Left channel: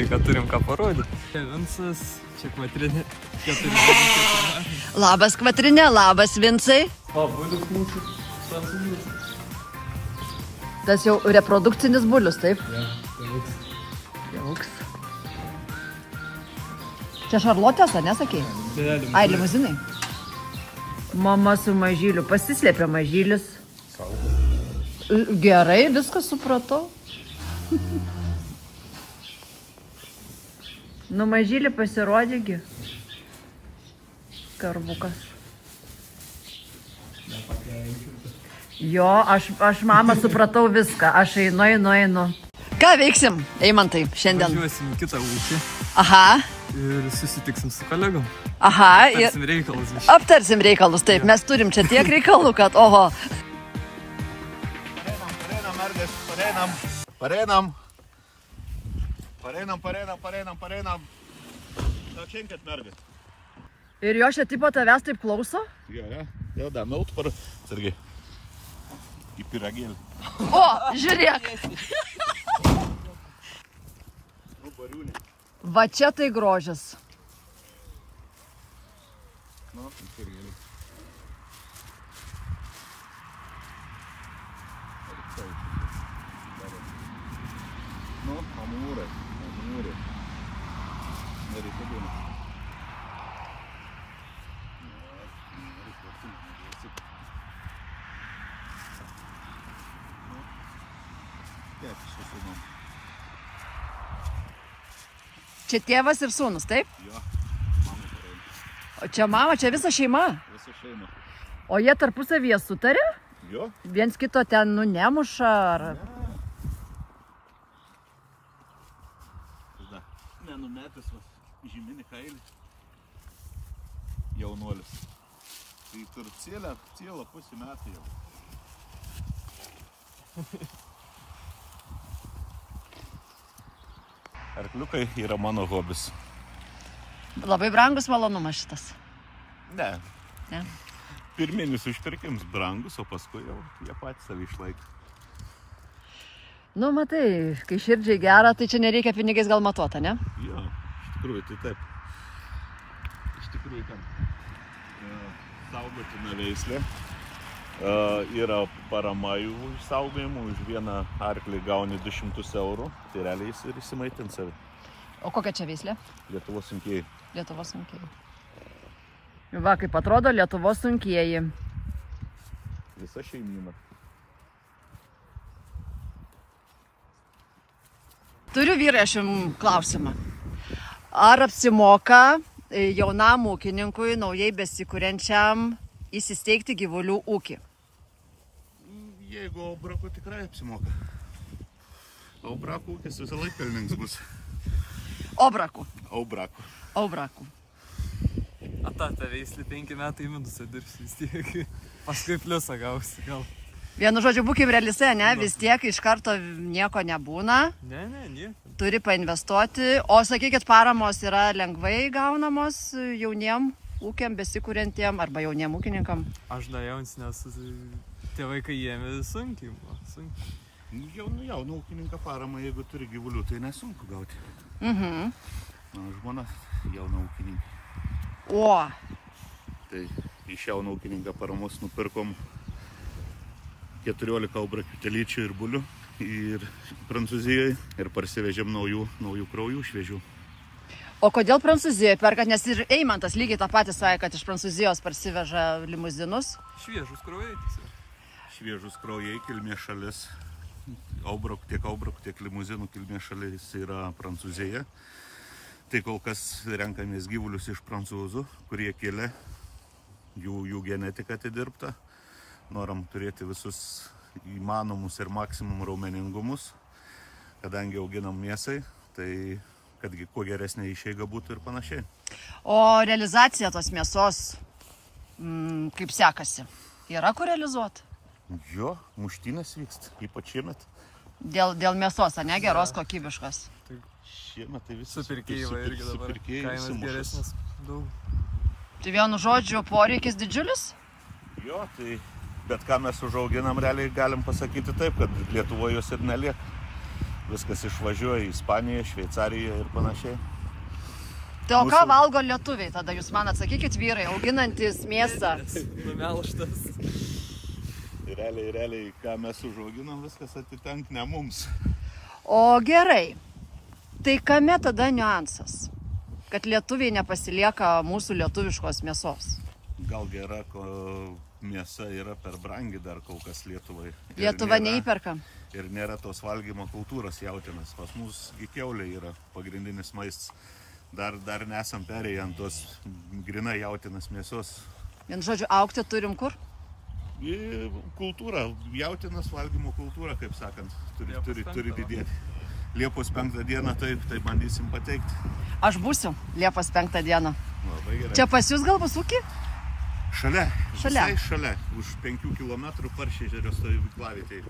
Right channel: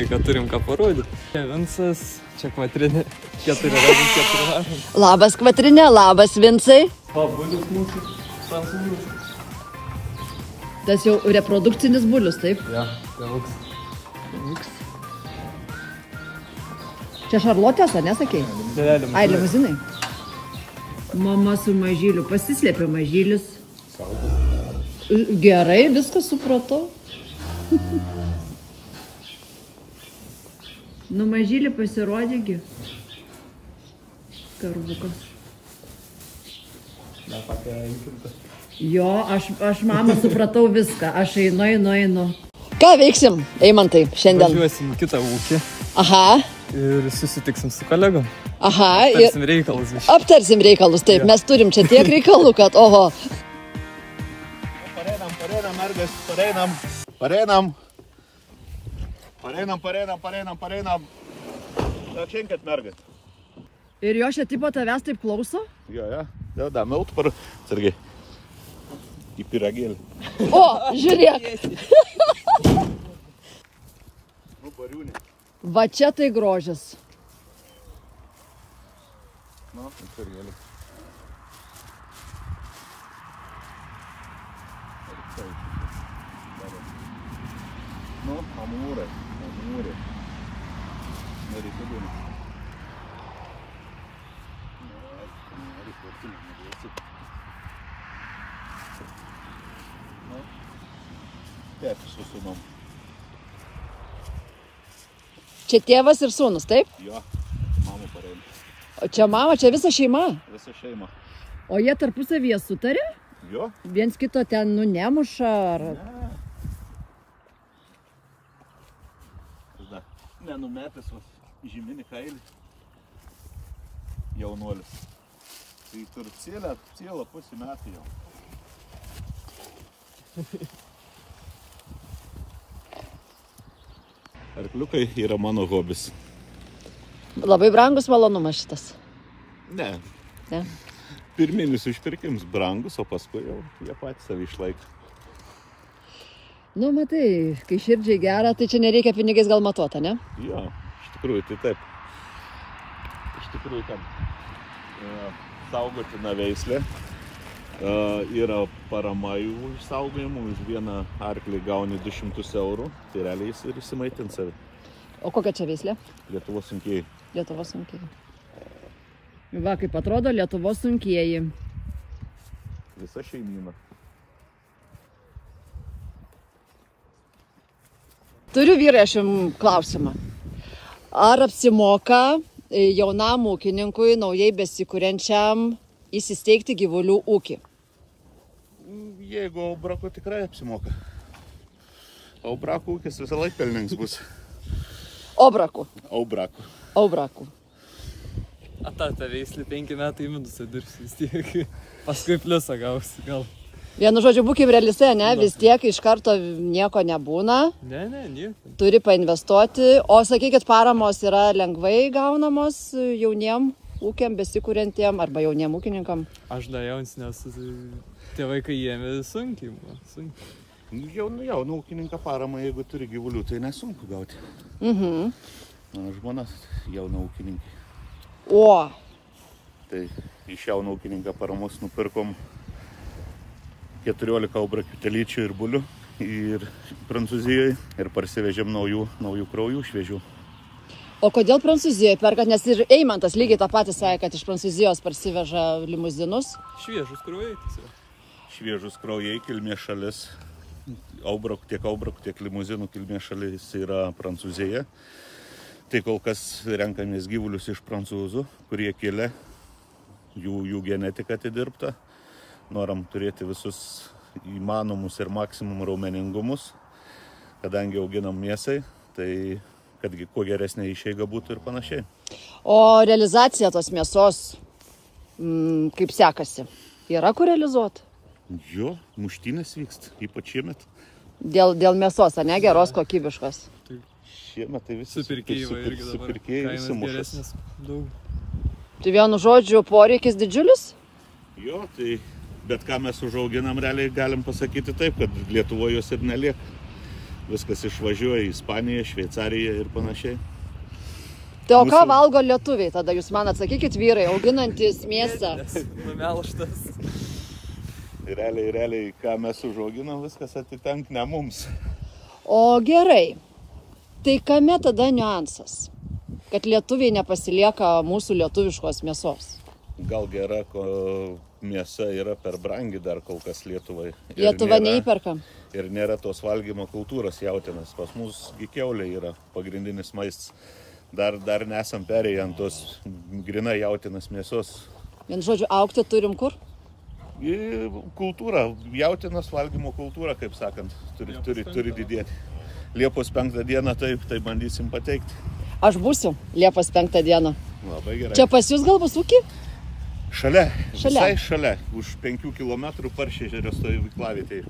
žinai, kad turim ką parodyti. Vincas, čia Kvatrinė, 4. Labas Kvatrinė, labas Vincai. O, bulius mūsų prancūzas. Tas jau reprodukcinis bulius, taip? Ja, tėvuks. Čia Šarlotės, ar nesakei? Ai, limuzinai. Mama su mažyliu, pasislėpė mažylis. Gerai, viską supratau. Nu, mažylį pasirodėgi. Karvukas. Jo, aš mama supratau viską. Aš einu. Ką veiksim, Eimantai, šiandien? Važiuosim kitą ūkį. Aha. Ir susitiksim su kolegom. Aha. Aptarsim reikalus. Aptarsim reikalus, taip. Mes turim čia tiek reikalų, kad oho. Pareinam, mergas, pareinam. Atšinkat, mergas. Ir jo šia tipo tavęs taip klauso? Jo, jau da milt par, sargiai. Į pyragėlį. O, žiūrėk. Nu, bariūnė. Va čia tai grožis. Nu, pyragėlį. Nu, amūrė. Nereikia būna. Tėtis su sūnum. Čia tėvas ir sūnus, taip? Jo, mama pareina. O čia mama, čia visa šeima? Visa šeima. O jie tarpusavyje sutarė? Jo. Viens kito ten, nu, nemuša ar... Ne. Nenumetęs, žyminį kailį. Jaunuolis. Tai tur cielą pusį metų jau. Arkliukai yra mano hobis. Labai brangus malonumas šitas. Ne. Pirminis užpirkims brangus, o paskui jau jie patys savį išlaiko. Nu, matai, kai širdžiai gera, tai čia nereikia pinigais gal matuota, ne? Jo, iš tikrųjų tai taip. Iš tikrųjų ten saugotina veislė. Yra parama jų išsaugojimų, už vieną arklį gauni 200 eurų, tai realiai jis ir įsimaitins savi. O kokia čia veislė? Lietuvos sunkieji. Lietuvos sunkieji. Va, kaip atrodo Lietuvos sunkieji. Visa šeimyna. Turiu vyrai aš jums klausimą. Ar apsimoka jaunam ūkininkui, naujai besikuriančiam, įsisteigti gyvulių ūkį? Jeigu aubrako tikrai apsimoka. Aubrako ūkis visą laiką pelningas bus. Obrakų. Aubrako. A ta veislį 5 metai į minusą dirbsi vis tiek. Paskui pliusą gausi gal. Vienu žodžiu, būkim realistai, ne? Vis tiek iš karto nieko nebūna. Ne, nieko. Turi painvestuoti. O sakykit, paramos yra lengvai gaunamos jauniem ūkiam besikuriantiem arba jauniem ūkininkam? Aš da jauns, nes tėvai, kai ėmė sunkiai. Jaunų ūkininką paramą, jeigu turi gyvulių, tai nesunku gauti. Mano žmonas jauna ūkininkė. O. Tai iš jauno ūkininką paramos nupirkom 14 aubrakių telyčių ir bulių ir Prancūzijoje ir parsivežėm naujų kraujų šviežių. O kodėl Prancūzijoje perkat? Nes ir Eimantas lygiai tą patį sakė, kad iš Prancūzijos parsiveža limuzinus. Šviežus kraujai. Šviežus kraujai, kilmės šalis. Tiek aubrakų, tiek limuzinų kilmės šalis yra Prancūzija. Tai kol kas renkamės gyvulius iš prancūzų, kurie kilę, jų genetika atidirbta. Noram turėti visus įmanomus ir maksimum raumeningumus, kadangi auginam mėsai, tai kad kuo geresnė išeiga būtų ir panašiai. O realizacija tos mėsos, kaip sekasi? Yra kur realizuoti? Jo, muštynės vyksta, ypač šiemet. Dėl mėsos, ar ne, geros kokybiškos? Šiemet tai visi supirkėjai irgi dabar, kainas geresnės daug. Tai vienu žodžiu, poreikis didžiulis? Jo, tai bet ką mes užauginam, realiai galim pasakyti taip, kad Lietuvoje jos ir nelieka. viskas išvažiuoja į Ispaniją, Šveicariją ir panašiai. Tai o ką valgo lietuviai tada? Jūs man atsakykit, vyrai, auginantis mėsą. Numelštas. Realiai, ką mes užauginam, viskas atitenk ne mums. O gerai, tai kame tada niuansas, kad lietuviai nepasilieka mūsų lietuviškos mėsos? Gal gera, ko mėsa yra per brangi dar kol kas Lietuvai. Lietuva neįperka. Ir nėra tos valgymo kultūros jautienos. Pas mus kiaulė yra pagrindinis maistas. Dar nesam perėję ant tos grina jautienos mėsos. Vien žodžiu, augti turim kur? Kultūra, jautienos valgymo kultūra, kaip sakant, turi didėti. Liepos 5 dieną tai bandysim pateikti. Aš būsiu Liepos 5 dieną. Labai gerai. Čia pas jūs gal bus ūkį? Šalia. Visai šalia. Už 5 km Paršežerio stovyklavietėje.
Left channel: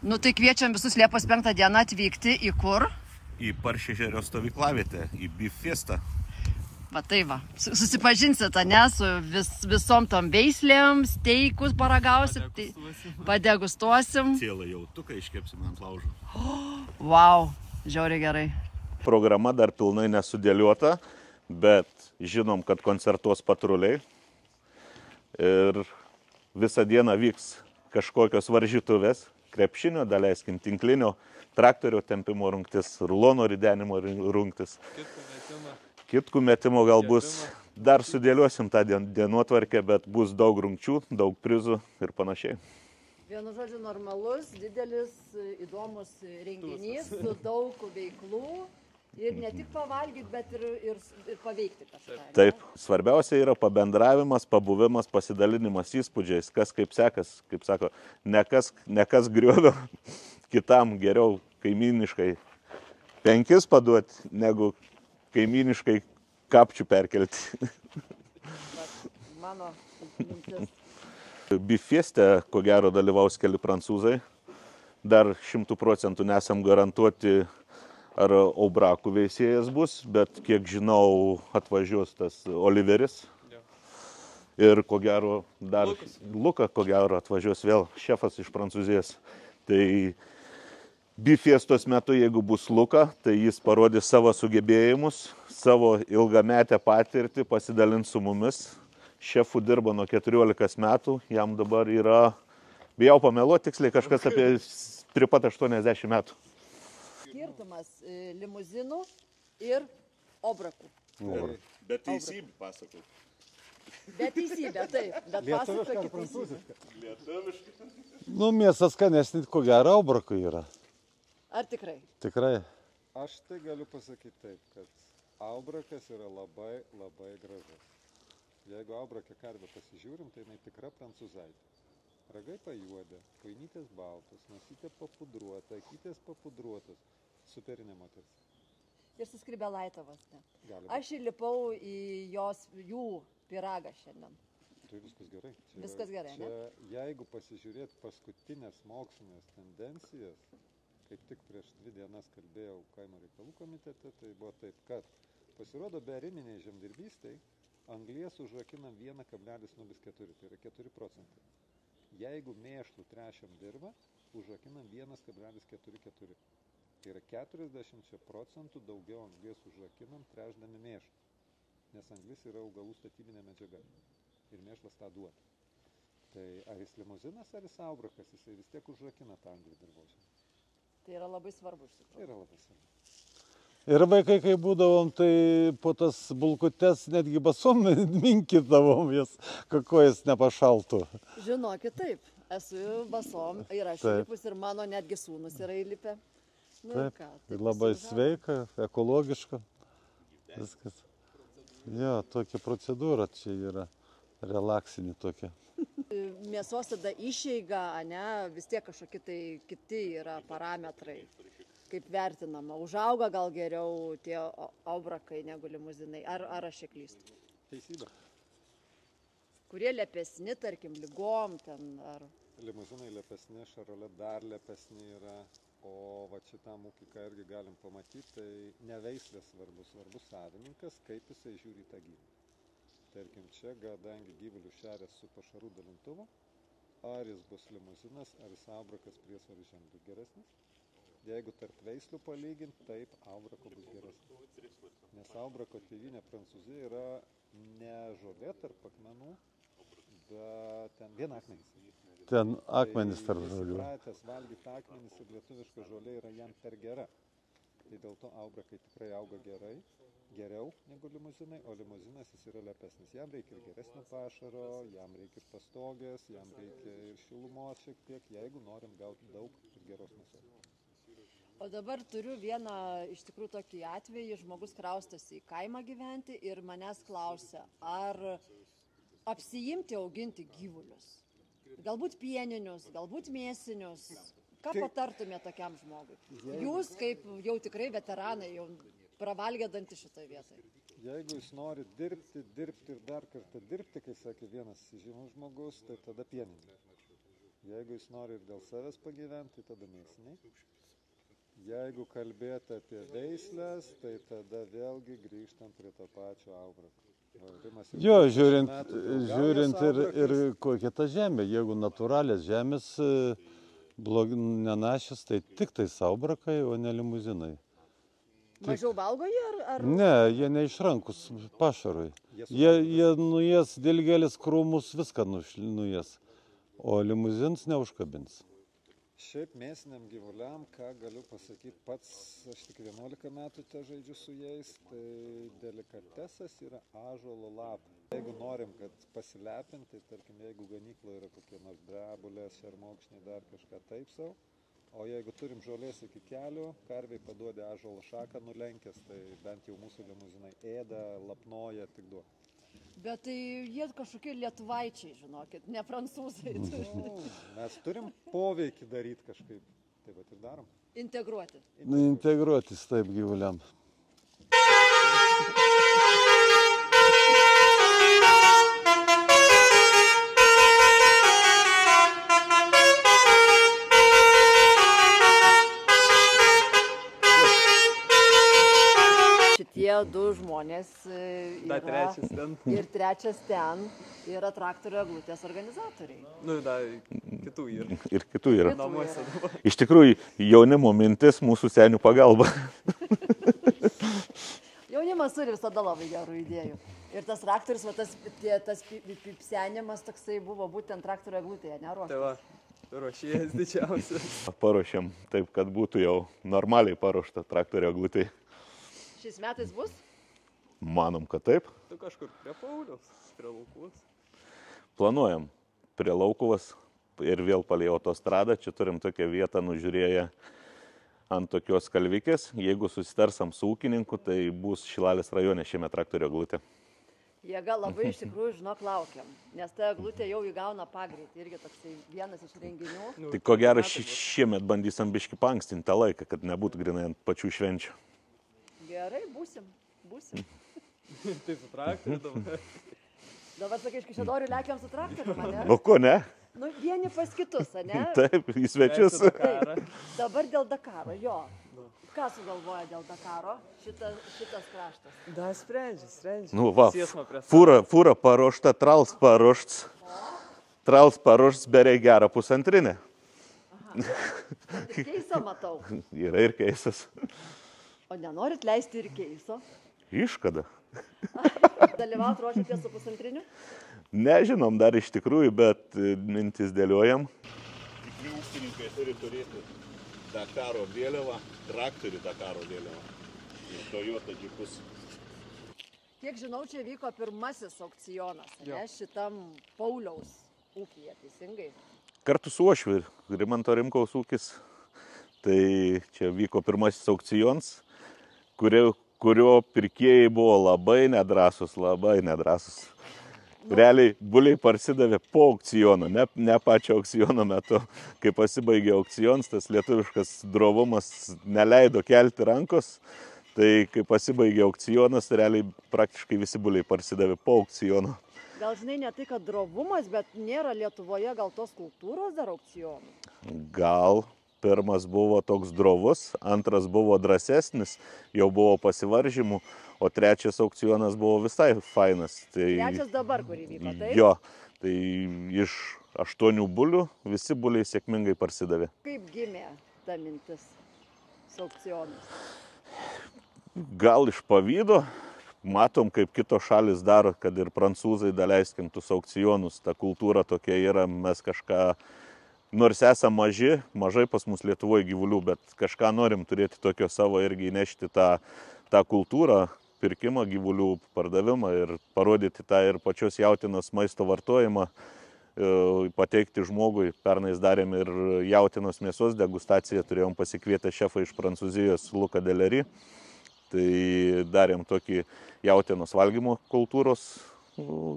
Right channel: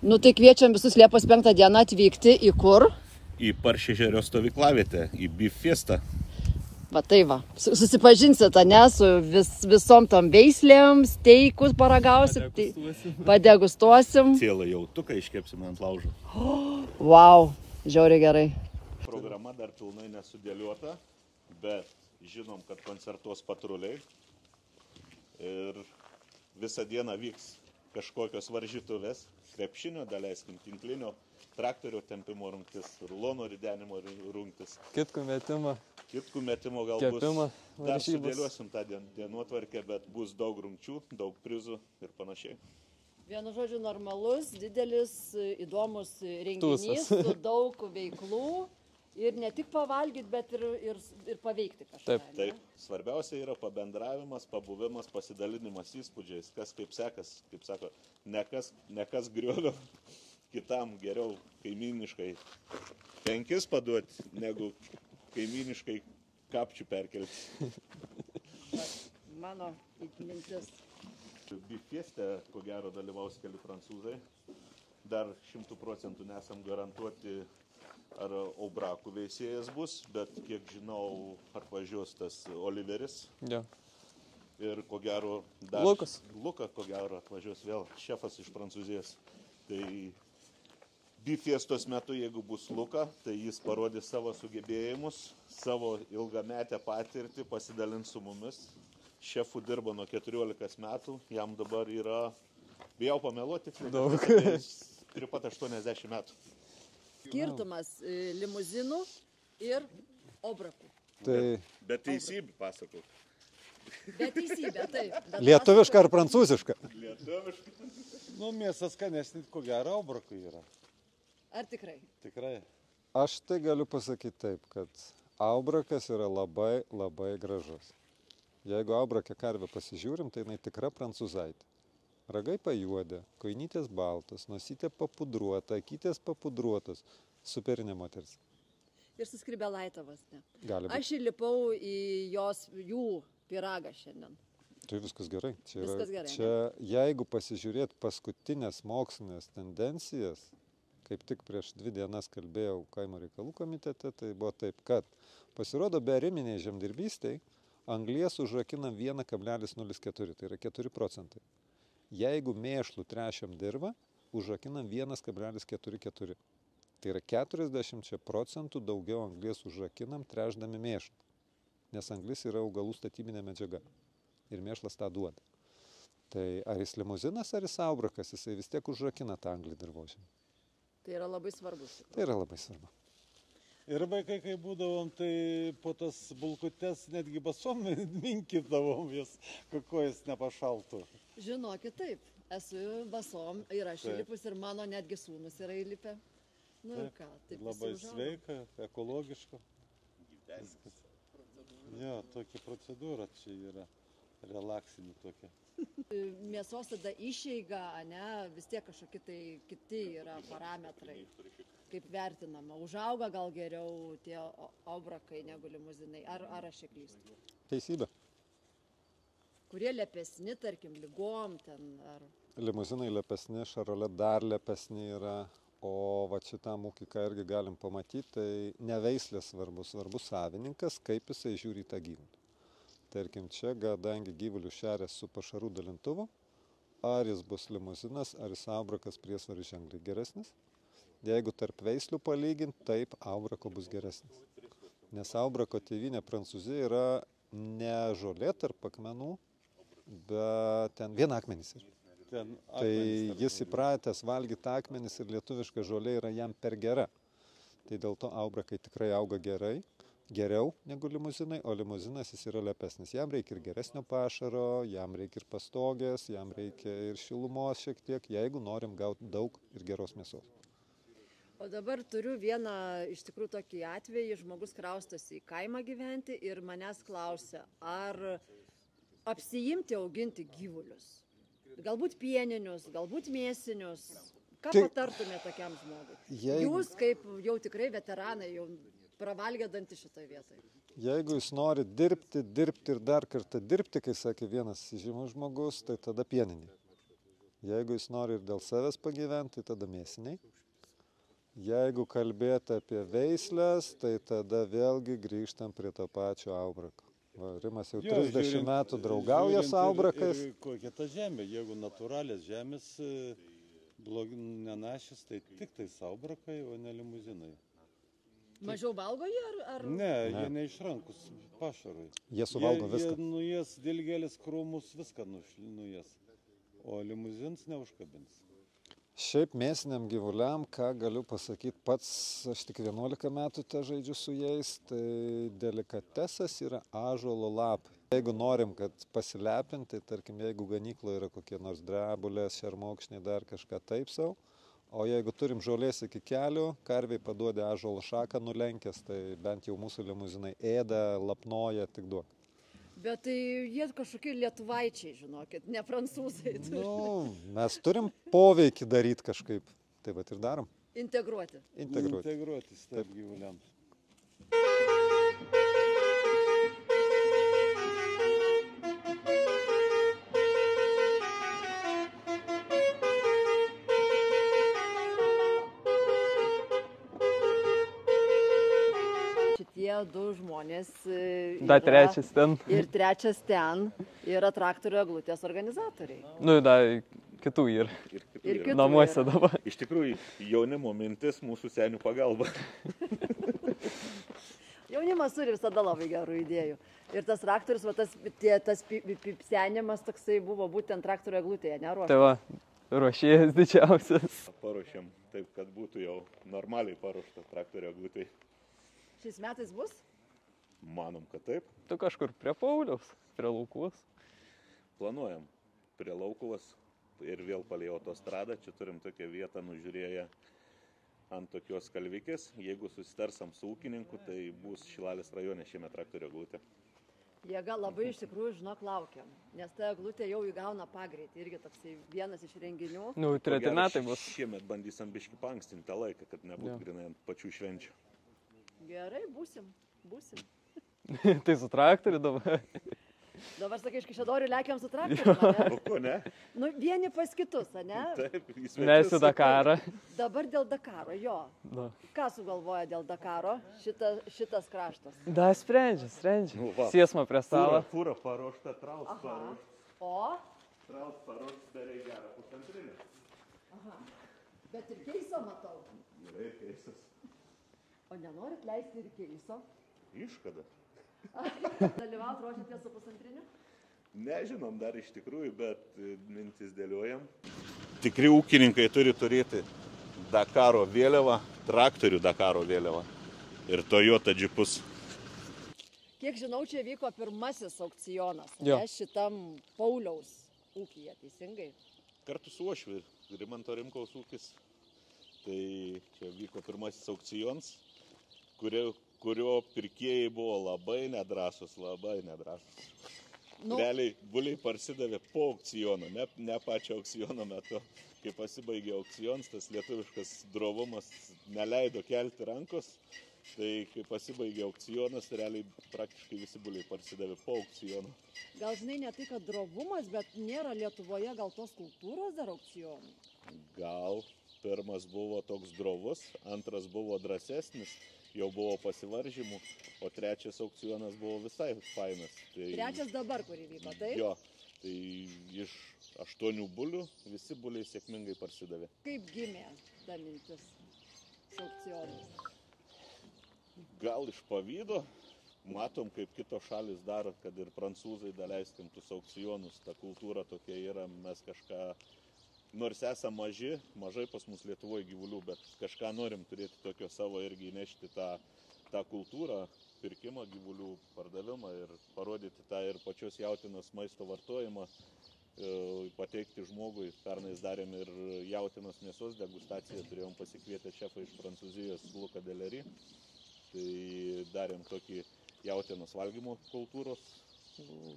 Nu tai kviečiam visus Liepos 5 dieną atvykti į kur? Į Paršežerio stovyklavietę, į Beef Fiesta. Va tai va, susipažinsit, ne, su visom tom veislėm, steikus paragausim, padegustuosim. Cielą jautuką iškepsim ant laužo. Wow, žiauriai gerai. Programa dar pilnai nesudėliota, bet žinom, kad koncertuos patruliai. Ir visą dieną vyks kažkokios varžytuvės, krepšinio, daleiskim, tinklinio, traktorio tempimo rungtis, rulono ridenimo rungtis. Kitkų metimo gal bus. Dar sudėliosim tą dienotvarkę, bet bus daug rungčių, daug prizų ir panašiai. Vienu žodžiu, normalus, didelis, įdomus renginys, su daug veiklų. Ir ne tik pavalgyti, bet ir paveikti kažką. Taip. Svarbiausia yra pabendravimas, pabuvimas, pasidalinimas įspūdžiais, kas kaip sekas, kaip sako, ne kas griovio, kitam geriau kaimyniškai 5 paduoti, negu kaimyniškai kapčių perkelti. Mano mintis. Beef Fiesta, ko gero, dalyvaus keli prancūzai. Dar 100% nesam garantuoti, ar aubrakų veisėjas bus, bet kiek žinau, atvažiuos tas Oliveris. Ja. Ir ko gero dar Luka, ko gero, atvažiuos vėl šefas iš Prancūzijos. Tai Beef Fiestos metu, jeigu bus Luka, tai jis parodys savo sugebėjimus, savo ilgametę patirtį, pasidalins su mumis. Šefu dirba nuo 14 metų, jam dabar yra, bijau pameluoti tiksliai, kažkas apie 380 metų. Skirtumas limuzinų ir obrakų. Bet teisybė, pasakau. Bet teisybė, taip. Lietuviška ar prancūziška? Lietuviška. Nu, mėsas skanesnė, ko gero, obrakų yra. Ar tikrai? Tikrai. Aš tai galiu pasakyti taip, kad aubrakas yra labai, labai gražus. Jeigu aubrakę karvę pasižiūrim, tai jinai tikra prancūzaitė. Ragai pajuodė, koinytės baltos, nosytė papudruota, akytės papudruotos. Superinė moteris. Ir su skrybelaitavas. Gali būti. Aš įlipau į jų pyragą šiandien. Tai viskas gerai. Viskas gerai. Čia, jeigu pasižiūrėt paskutinės mokslinės tendencijas, kaip tik prieš 2 dienas kalbėjau kaimo reikalų komitete, tai buvo taip, kad pasirodo beariminiai žemdirbystėj anglies užrakinam 1,04, tai yra 4%. Jeigu mėšlų trešiam dirvą, užrakinam 1,44. Tai yra 40% daugiau anglies užrakinam trešdami mėšlą. Nes anglis yra augalų statybinė medžiaga. Ir mėšlas tą duoda. Tai ar jis limuzinas, ar jis aubrakas, jisai vis tiek užrakina tą anglį dirvožemį. Tai yra labai svarbus. Tai yra labai svarbu. Ir vaikai, kai būdavom, tai po tas bulkutes netgi basom minkydavom jas, kojas nepašaltų. Žinokit, taip. Esu basom ir aš įlipus ir mano netgi sūnus yra įlipę. Nu, taip, ką, tai labai sveika, ekologiška. Viskas. Jo, tokia procedūra čia yra, relaksinė tokia. Mėsos tada išeiga, ne, vis tiek kažkokie tai kiti yra parametrai. Kaip vertinama, užauga gal geriau tie aubrakai negu limuzinai, ar aš čia klystu? Teisybė. Kurie lepesni, tarkim, ligom ten, ar... Limuzinai lepesni, šarolė dar lepesni yra, o va šitam ūkį, ką irgi galim pamatyti, tai ne veislės svarbus savininkas, kaip jisai žiūri į tą gyvulį. Tarkim, čia, kadangi gyvulių šerės su pašarų dalintuvu, ar jis bus limuzinas, ar jis aubrakas priesvaris ženkliai geresnis. Jeigu tarp veislių palyginti, taip, aubrako bus geresnis. Nes aubrako tėvynė Prancūzija yra ne žolė tarp akmenų, bet ten vien akmenys yra. Ten akmenys Tai tarp jis žolių. įpratęs valgyti akmenis ir lietuviška žolė yra jam per gera. Tai dėl to aubrakai tikrai auga gerai, geriau negu limuzinai, o limuzinas jis yra lepesnis. Jam reikia ir geresnio pašaro, jam reikia ir pastogės, jam reikia ir šilumos šiek tiek, jeigu norim gauti daug ir geros mėsos. O dabar turiu vieną iš tikrųjų tokį atvejį, žmogus kraustosi į kaimą gyventi ir manęs klausia, ar apsiimti auginti gyvulius. Galbūt pieninius, galbūt mėsinius. Ką patartumėte tokiam žmogui? Jūs kaip jau tikrai veteranai, jau pravalgę dantį šitoje vietoje. Jeigu jis nori dirbti ir dar kartą dirbti, kai sakė vienas žymus žmogus, tai tada pieniniai. Jeigu jis nori ir dėl savęs pagyventi, tai tada mėsiniai. Jeigu kalbėti apie veislės, tai tada vėlgi grįžtam prie to pačio aubrako. Rimas jau 30 metų draugauja su aubrakais. Ir kokia ta žemė, jeigu natūralės žemės nenašis, tai tik tai aubrakai, o ne limuzinai. Mažiau valgo jie ar? Ne, jie neišrankus pašarui. Jie nuės dilgėlis krūmus, viską nuės, o limuzins neužkabins. Šiaip mėsiniam gyvuliam, ką galiu pasakyti pats, aš tik 11 metų te žaidžiu su jais, tai delikatesas yra ąžuolo lapai. Jeigu norim, kad pasilepinti, tai tarkim, jeigu ganykloje yra kokie nors drebulės, šermokšniai, dar kažką taip sau, o jeigu turim žolės iki kelių, karviai paduodė ąžuolo šaką nulenkęs, tai bent jau mūsų limuzinai ėda, lapnoja, tik duok. Bet tai jie kažkokie lietuvaičiai, žinokit, ne prancūzai. Mes turim poveikį daryti kažkaip, tai vat ir darom. Integruoti. Integruotis taip gyvuliam. Šitie du žmonės Da trečias ten. ir trečias ten yra traktorių eglutės organizatoriai. Nu, da kitų yra. Ir kitų yra. Namuose dabar. Iš tikrųjų, jaunimo mintis mūsų senių pagalba. Jaunimas turi visada labai gerų idėjų. Ir tas traktorius, tas pipsenimas toksai buvo būtent traktorių eglutėje, neruoštas. Tai va, ruošėjas didžiausias. Paruošėm taip, kad būtų jau normaliai paruošta traktorio eglutė. Šiais metais bus? Manom, kad taip. Tu kažkur prie Pauliaus, prie Laukuvos. Planuojam prie Laukuvos ir vėl palei autostradą. Čia turim tokią vietą nužiūrėję ant tokios kalvikės. Jeigu susitarsam su ūkininku, tai bus Šilalės rajone šiame traktorio eglutė. Jėga labai iš tikrųjų, žinok, laukiam, nes ta eglutė jau įgauna pagreitį, irgi toksai vienas iš renginių. Nu, Tai ko gero treti metai bus. šiemet bandysim biškį paankstinti tą laiką, kad nebūtų grinai ant pačių švenčių. Gerai, būsim. Tai su traktoriu dabar. Dabar sakai, iš Kaišiadorių lekiam su traktoriu, ne? O ko ne? Nu, vieni pas kitus, ne? Taip, į Mes svečius. į Dakarą. Dabar dėl Dakaro, jo. Na. Ką sugalvoja dėl Dakaro šitas kraštas? Da, sprendžia. Nu, va, Tiesma prie savo. fūra paruošta, trals paruoštas. O? Trals paruoštas beveik gerą pusantrinę. Bet ir keisą matau. Yra ir keisas. O nenorit leisti ir keiso? Iškada. Dalyvaut ruošiatės su pusantriniu? Nežinom dar iš tikrųjų, bet mintis dėliojam. Tikri ūkininkai turi turėti Dakaro vėliavą, traktorių Dakaro vėliavą ir Toyota džipus. Kiek žinau, čia vyko pirmasis aukcionas, Jo. ne, šitam Pauliaus ūkyje, teisingai? Kartu su Ošviu, Rimanto Rimkaus ūkis, tai čia vyko pirmasis aukcionas, kurio pirkėjai buvo labai nedrąsus. Realiai buliai parsidavė po aukciono, ne pačio aukciono metu. Kai pasibaigė aukcionas, tas lietuviškas drovumas neleido kelti rankos, tai kai pasibaigė aukcionas, realiai praktiškai visi buliai parsidavė po aukciono. Gal žinai, ne tai, kad drovumas, bet nėra Lietuvoje gal tos kultūros dar aukcionų? Gal pirmas buvo toks drovus, antras buvo drąsesnis, jau buvo pasivaržymų, o trečias aukcionas buvo visai fainas. Tai, Trečias dabar, kur įvyko, taip? jo, tai iš 8 bulių visi buliai sėkmingai parsidavė. Kaip gimė ta mintis? su aukcionais? Gal iš pavydo, matom, kaip kitos šalis daro, kad ir prancūzai daleiskim tus aukcionus, ta kultūra tokia yra, mes kažką, nors esam mažai pas mus Lietuvoje gyvulių, bet kažką norim turėti tokio savo irgi įnešti tą kultūrą, pirkimą gyvulių, pardavimą ir parodyti tą ir pačios jautienos maisto vartojimą, pateikti žmogui. Pernais darėm ir jautienos mėsos degustaciją, turėjom pasikvietę šefą iš Prancūzijos Luką Delerį. Tai darėm tokį jautienos valgymo kultūros,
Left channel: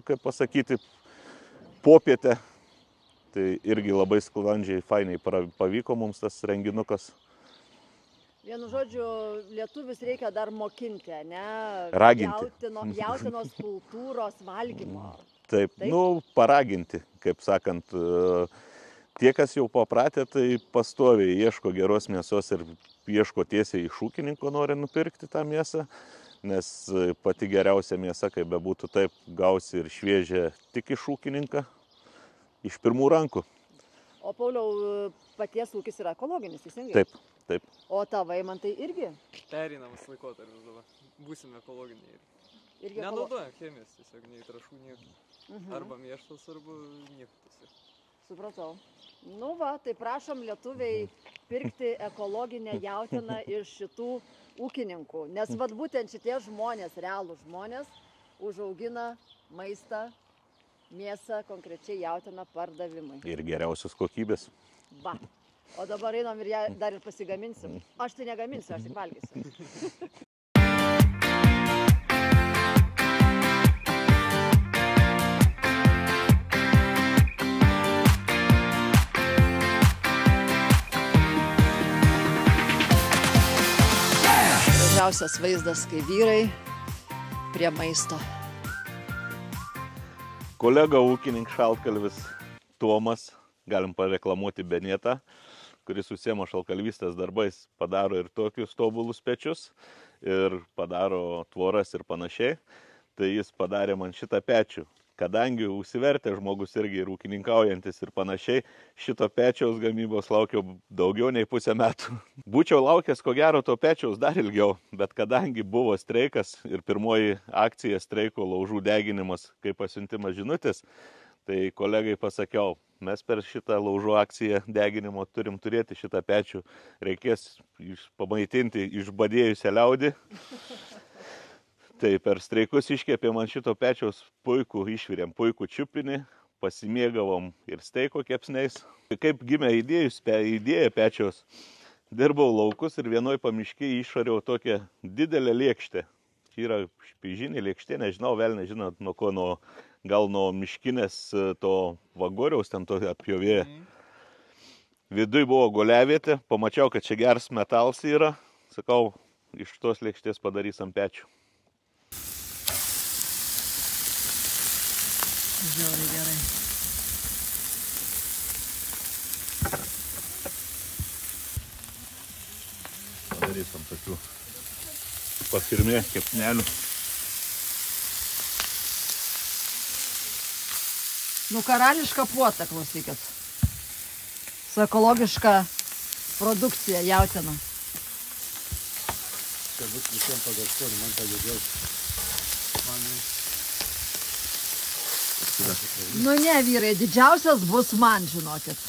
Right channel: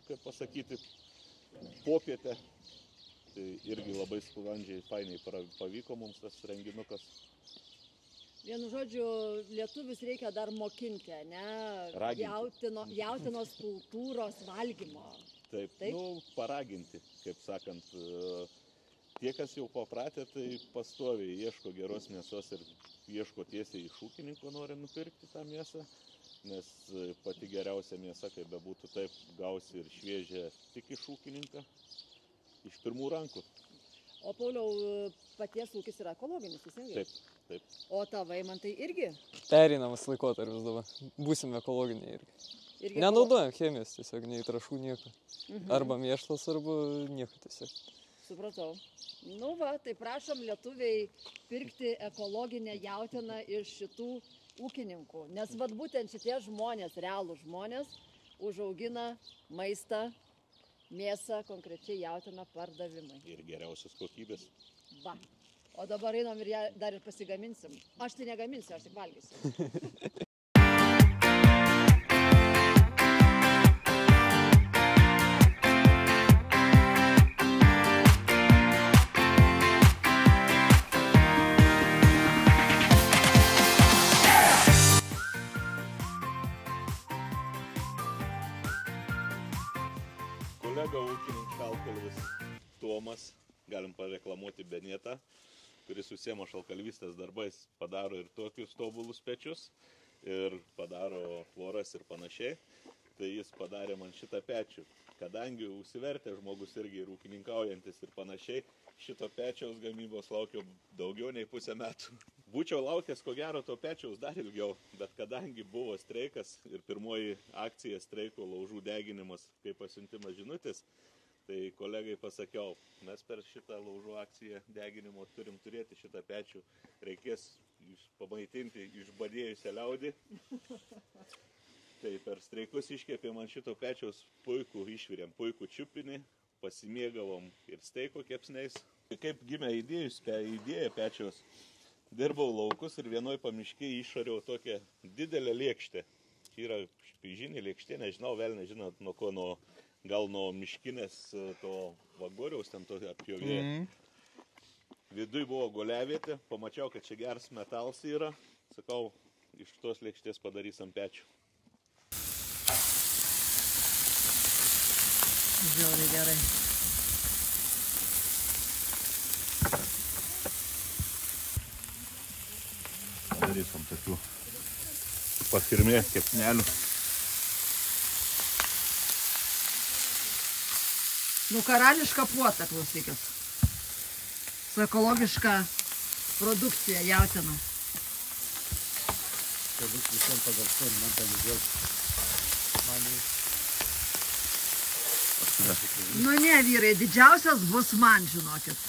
kaip pasakyti, popietę. Tai irgi labai sklandžiai, fainai pavyko mums tas renginukas. Vienu žodžiu, lietuvis reikia dar mokinti, ne? Raginti. Jautienos kultūros valgymo. Taip, paraginti, kaip sakant. Tie, kas jau papratę, tai pastoviai ieško geros mėsos ir ieško tiesiai iš ūkininko, nori nupirkti tą mėsą, nes pati geriausia mėsa, kaip bebūtų taip, gausi ir šviežią tik iš ūkininką, iš pirmų rankų. O Pauliau, paties ūkis yra ekologinis, teisingai? Taip, taip. O tavai man tai irgi? Pereinamas laikotarpis dabar. Būsim ekologiniai irgi. Nenaudojam chemijos, tiesiog nei trąšų, nieko. Arba mėšlas, arba nieko tiesiog. Supratau. Nu va, tai prašom lietuviai pirkti ekologinę jautieną iš šitų ūkininkų. Nes vat būtent šitie žmonės, realūs žmonės, užaugina maistą, mėsą, konkrečiai jautieną pardavimai. Ir geriausios kokybės. Va. O dabar einam ir ją dar ir pasigaminsim. Aš tai negaminsiu, aš tik valgysiu. Gražiausias vaizdas, kai vyrai prie maisto. Kolega ūkininkas šaltkalvis Tomas, galim pareklamuoti Benėtą, kuris užsiema šaltkalvystės darbais, padaro ir tokius tobulus pečius, ir padaro tvoras ir panašiai. Tai jis padarė man šitą pečių. Kadangi užsivertė žmogus irgi ir ūkininkaujantis ir panašiai, šito pečiaus gamybos laukiau daugiau nei pusę metų. Būčiau laukęs ko gero to pečiaus dar ilgiau, bet kadangi buvo streikas ir pirmoji akcija streiko laužų deginimas, kaip pasiuntimas žinutės, tai kolegai pasakiau, mes per šitą laužų akciją deginimo turim turėti šitą pečių, reikės pamaitinti išbadėjusią liaudį. Tai per streikus iškėpė man šito pečiaus puikų, išvirėm puikų čiupinį, pasimėgavom ir steiko kepsniais. Kaip gimė idėja pečiaus, dirbau laukus ir vienoj pamiškiai išariau tokią didelę lėkštę. Čia yra špižinė lėkštė, nežinau, vėl nežinot nuo ko, gal nuo miškinės to vagoriaus ten to atpjovėja. Viduj buvo guliavietė, pamačiau, kad čia geras metalas yra, sakau, iš tos lėkštės padarys ant pečių. Žiauriai gerai. Padarysim tokių pafirmė kepsnelių. Nu, karališka puota, klausykit. Su ekologiška produkcija jautiena. Visiems pagarsuoti, man pagadėti. Nu ne, vyrai, didžiausias bus man, žinokit.